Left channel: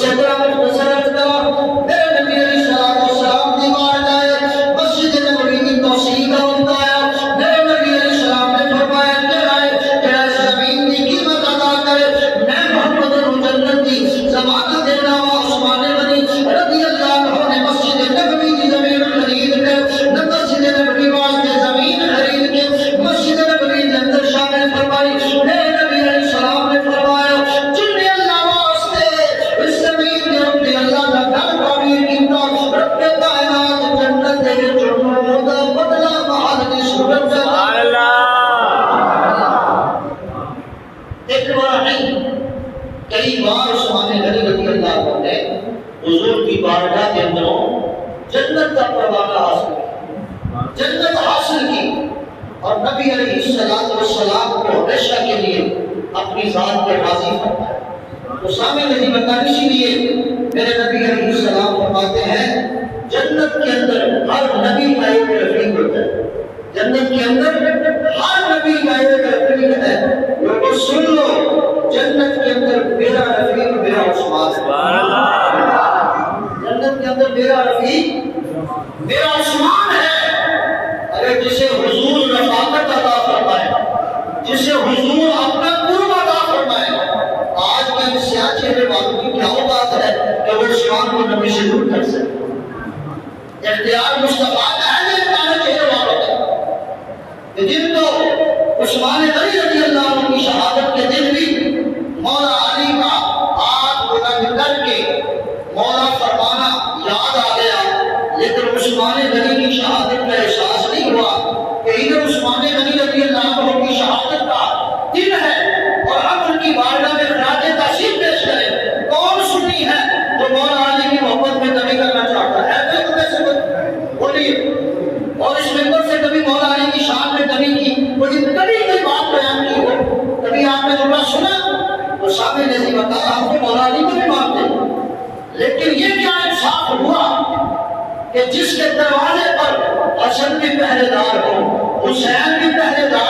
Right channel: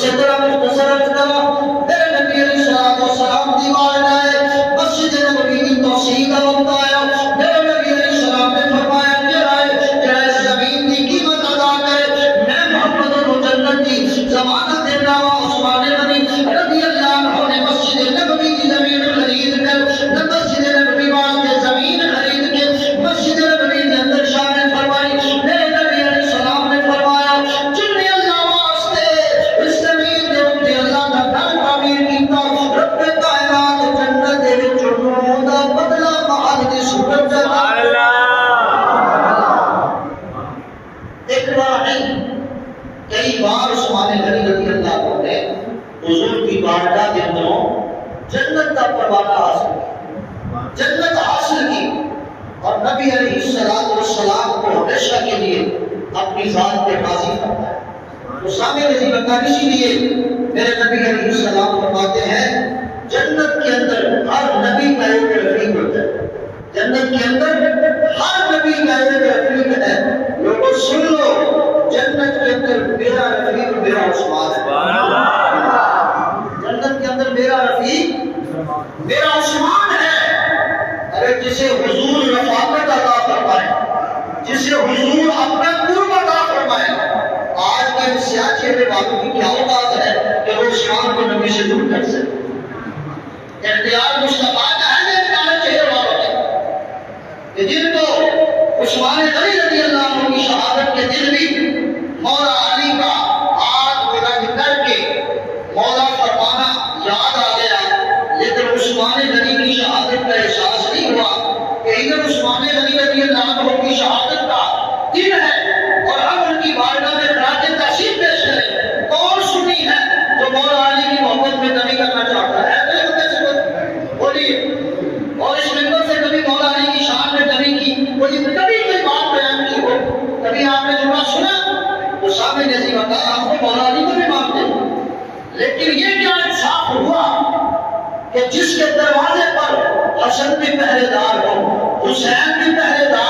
سے ذرا مختصر عرض کرو، میرے نبی علیہ الصلوۃ والسلام کی بارگاہ مسجد نبوی کی توسیع کا وقت آیا، میرے نبی علیہ السلام نے فرمایا جرائے زمین کی قیمت ادا کرے، میں محمد کو جنت کی ضمانت دے رہا ہوں۔ عثمان غنی رضی اللہ عنہ نے مسجد نبوی کی زمین خرید کر مسجد نبوی واسطے زمین خرید کے مسجد نبوی کے اندر شامل فرمائی۔ میرے نبی علیہ السلام نے فرمایا جن نے اللہ واسطے اس زمین کے اوپر اللہ کا گھر تعمیر کیتا، رب کائنات جنت دے وچ انہوں دا بدلہ محل دی صورت دا ایک بار نہیں کئی بار عثمان غنی رضی اللہ عنہ نے حضور کی بارگاہ کے اندر جنت کا پروانہ حاصل کیا، جنت حاصل کی، اور نبی علیہ السلام کو ہمیشہ کے لیے اپنی ذات پہ راضی فرمایا۔ تو سامنے رضی بتا، اسی لیے میرے نبی علیہ السلام فرماتے ہیں جنت کے اندر ہر نبی کا ایک رفیق ہوتا ہے، جنت کے اندر ہر نبی کا ایک رفیق ہے۔ لوگوں سن لو، جنت کے اندر میرا رفیق میرا عثمان ہے، جنت کے اندر میرا رفیق میرا عثمان ہے۔ ارے جسے حضور رفاقت عطا فرمائے، جسے حضور اپنا قرب عطا فرمائے، آج کے سیاہ چہرے والوں کی کیا اوقات ہے کہ وہ عثمان کو نبی سے دور کر سکے؟ اختیار مصطفیٰ کا ہے، اختیار چہرے والوں کا کہ جن کو عثمان غنی رضی اللہ عنہ کی شہادت کے دن بھی مولا علی کا آج بلند کر کے مولا فرمانا یاد آ گیا، لیکن عثمان غنی کی شہادت کا احساس نہیں ہوا کہ ادھر عثمان غنی رضی اللہ عنہ کی شہادت کا دن ہے اور ہم ان کی بارگاہ میں خراج تحسین پیش کریں۔ کون سنی ہے جو مولا علی کی محبت میں کمی کرنا چاہتا ہے؟ بولیے، اور اس ممبر سے کبھی مولا علی کی شان میں کمی کی کوئی بات بیان کی ہو، کبھی آپ نے جملہ سنا تو سامنے جیسی بتا آپ کو مولا علی کو بھی مانتے ہو، لیکن یہ کیا انصاف ہوا کہ جس کے دروازے پر حسن بھی پہرے دار ہو، حسین بھی پہرے دار